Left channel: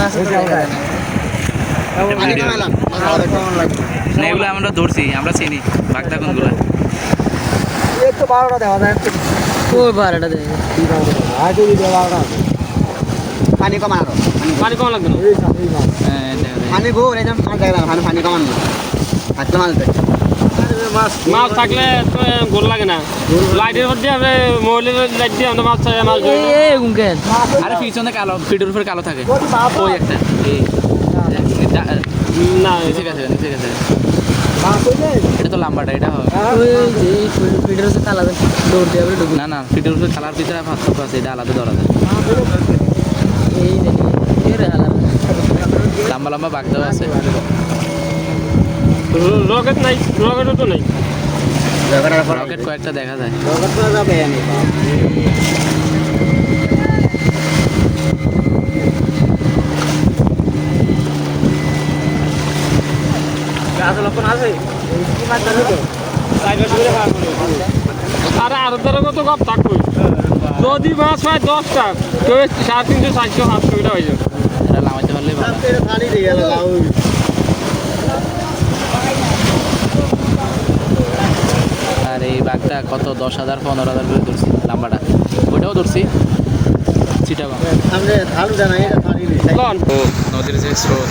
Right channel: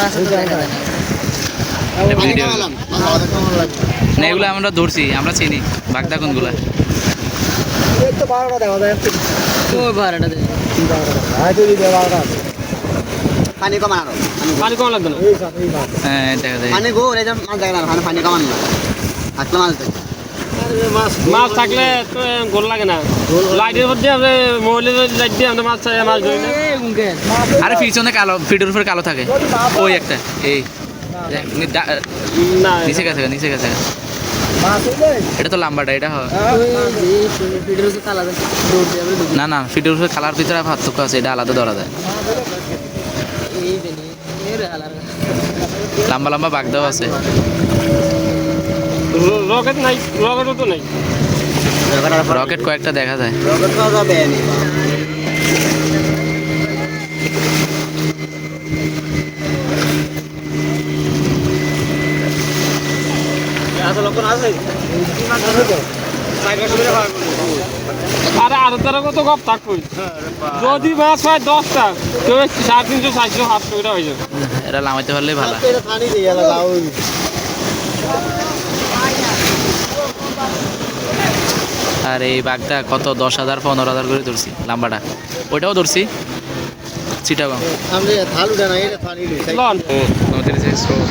না। এগুলো আমরা ধরছি আমরা চিনি বাগদা কোনগুলা বারোটা দেওয়া যায় বারোটা দেওয়া। পানি কমান আরও পানি কম লাগবে না। হ্যাঁ দেখা যায় পানি গো পানি কমান না হাতলে মাছ দেখ মাছ থাকলে গোল লাগে না। লাইটের উপর দিয়ে আমরা মোবাইলের লাইট দিয়ে আমরা মাছ মাছ ধরি আরে পিছনে কালো ফিটের উপরে কালো থাকে। ওই একটা এই। না নিচে গেছে নিচে গেছে। এটা তো লাম্বাটা এটা ফিডের না না ফিটের উপরে কালার পিছনে পার্থক্য আছে এটা আলাদা ধরা যায়। লম্বা লম্বা বাগদাও আছে। রকেট নাই রকেটও তো নেই। রকেট কয়েকটা দেখা যায়। রকেট আছে? তো আরে আরও কত গপ থাকবে? যদি মাছ হয় দশটা তো সাড়ে তিনশো চারশো সাতশো এটা হয়ে যাবে। এটা লামাইতে পারলে ভালো এটা পানি দিয়ে গেল লাউ আর এই বাঘটা কত? দশ হাজার পনেরো হাজার করে ধরছি লাম্বাটা। ওইটাও ধরছি। নদীর যে স্রোত।